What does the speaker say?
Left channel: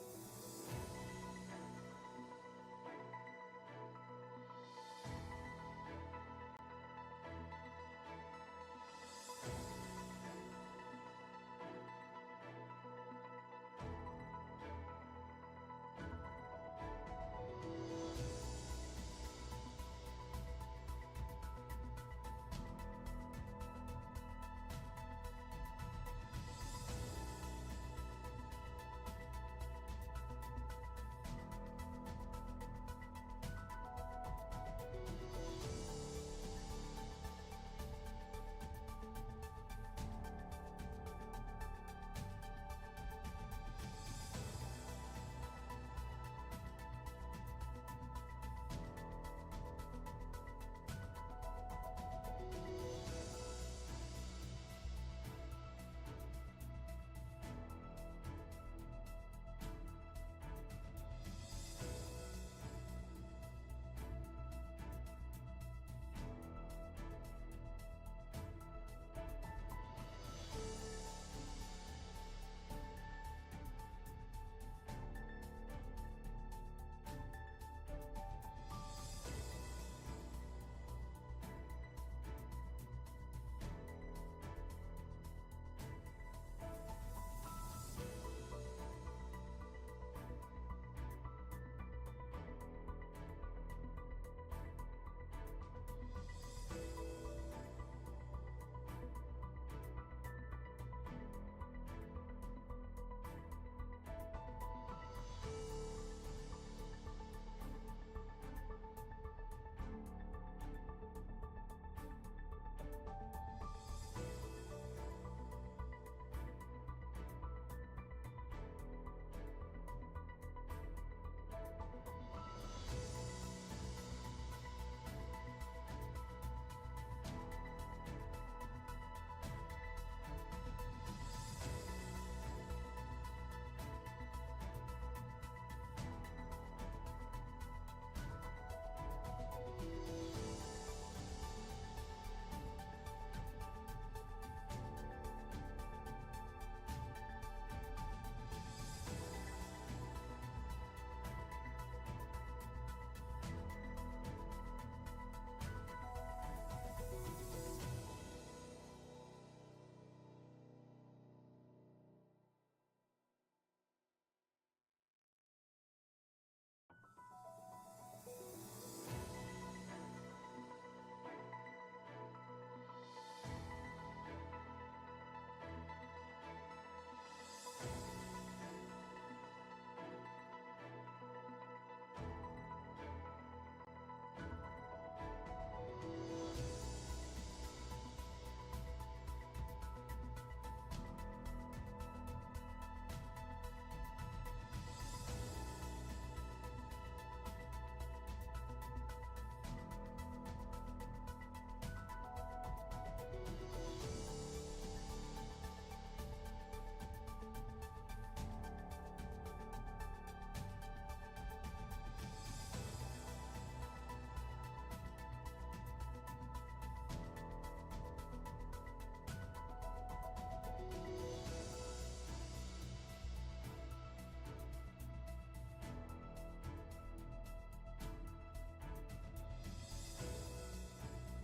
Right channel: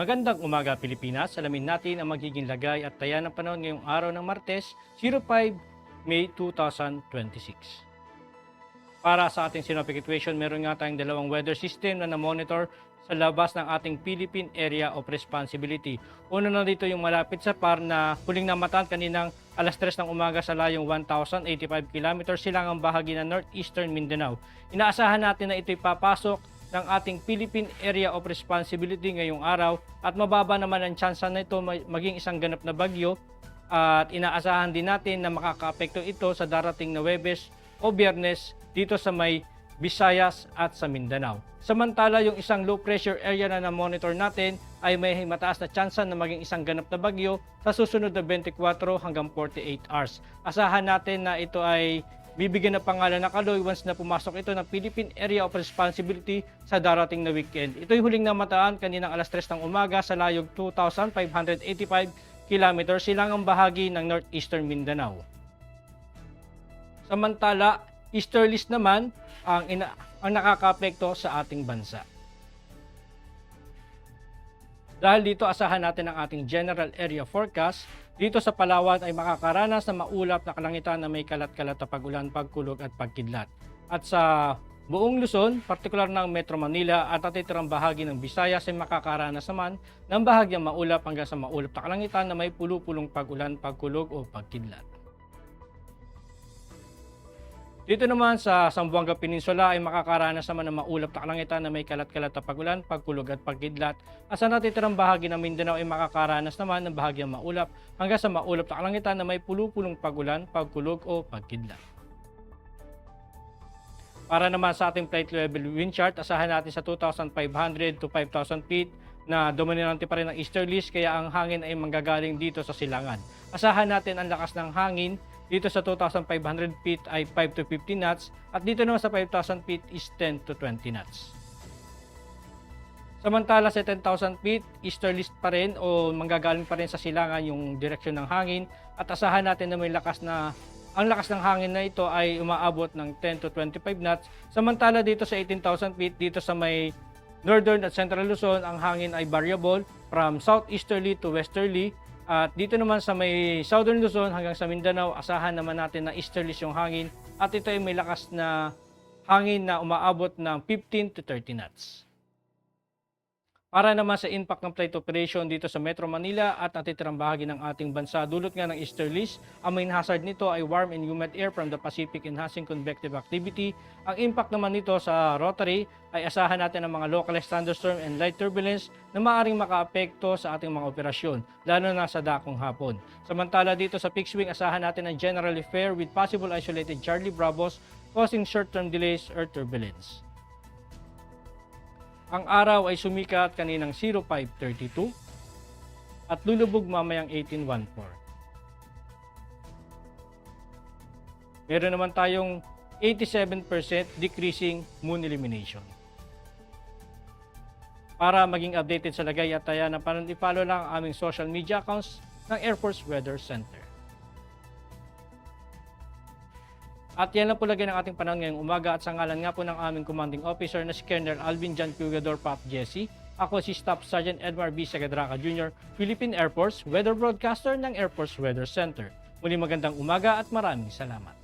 Magandang umaga Pilipinas. Alamin natin ang magiging lagay at taya ng panahon ngayong araw ng Martes, 05 May 2026. Para sa ating synoptic situation, meron nga tayong dalawang weather system na na-monitor sa labas ng ating Philippine Area of Responsibility. Una na dito yung malapit sa PAR na huling namataan kaninang alas 3 ng umaga sa layong 1,085 km silang ang bahagi ng Northeastern Mindanao. Inaasahan natin na ito'y papasok ng ating Philippine Area of Responsibility ngayong araw at mababa naman ang tsansa na ito maging isang ganap na bagyo at inaasahan din natin na makakaapekto ito sa darating na Huwebes o Biyernes dito sa may Visayas at sa Mindanao. Samantala, yung isang low pressure area na na-monitor natin ay may mataas na tsansa na maging isang ganap na bagyo sa susunod na 24 hanggang 48 hours. Asahan natin na ito ay bibigyan ng pangalan na Kaloy once na pumasok ito ng Philippine Area of Responsibility sa darating na weekend. Ito'y huling namataan kaninang alas 3 ng umaga sa layong 2,585 km silangang bahagi ng Northeastern Mindanao. Samantala, easterlies naman ang nakakaapekto sa ating bansa. Dahil dito asahan natin ang ating general area forecast. Dito sa Palawan ay makakaranas ng maulap na kalangitan na may kalat-kalat na pag-ulan, pagkulog at pagkidlat. At sa buong Luzon, partikular ng Metro Manila at natitirang bahagi ng Visayas ay makakaranas naman ng bahagyang maulap hanggang sa maulap na kalangitan na may pulupulong pag-ulan, pagkulog o pagkidlat. Dito naman sa Zamboanga Peninsula ay makakaranas naman ng maulap na kalangitan na may kalat-kalat na pag-ulan, pagkulog at pagkidlat. At sa natitirang bahagi ng Mindanao ay makakaranas naman ng bahagyang maulap hanggang sa maulap na kalangitan na may pulupulong pag-ulan, pagkulog o pagkidlat. Para naman sa ating plate level wind chart, asahan natin sa 2,500 to 5,000 feet na dominante pa rin ang easterlies kaya ang hangin ay manggagaling dito sa silangan. Asahan natin ang lakas ng hangin dito sa 2,500 feet ay 5 to 15 knots at dito naman sa 5,000 feet is 10 to 20 knots. Samantala sa 10,000 feet, easterlies pa rin o manggagaling pa rin sa silangan yung direksyon ng hangin at asahan natin na ang lakas ng hangin na ito ay umaabot ng 10 to 25 knots. Samantala dito sa 18,000 feet, dito sa may northern at central Luzon, ang hangin ay variable from southeasterly to westerly. At dito naman sa may southern Luzon hanggang sa Mindanao, asahan naman natin na easterlies yung hangin at ito ay may lakas na hangin na umaabot ng 15 to 30 knots. Para naman sa impact ng plate operation dito sa Metro Manila at natitirang bahagi ng ating bansa, dulot nga ng easterlies, ang main hazard nito ay warm and humid air from the Pacific enhancing convective activity. Ang impact naman nito sa rotary ay asahan natin ang mga localized thunderstorm and light turbulence na maaaring makaapekto sa ating mga operasyon, lalo na sa dakong hapon. Samantala dito sa fixed wing, asahan natin ang generally fair with possible isolated Charlie Bravos causing short-term delays or turbulence. Ang araw ay sumikat kaninang 05:32 at lulubog mamayang 18:14. Meron naman tayong 87% decreasing moon illumination. Para maging updated sa lagay at taya ng panahon, i-follow lang ang aming social media accounts ng Air Force Weather Center. At yan lang po lagay ng ating panahon ngayong umaga at sa ngalan nga po ng aming commanding officer na si Colonel Alvin John Pugador Pop Jesse. Ako si Staff Sergeant Edmar B. Sagadraca Jr., Philippine Air Force Weather Broadcaster ng Air Force Weather Center. Muli magandang umaga at maraming salamat.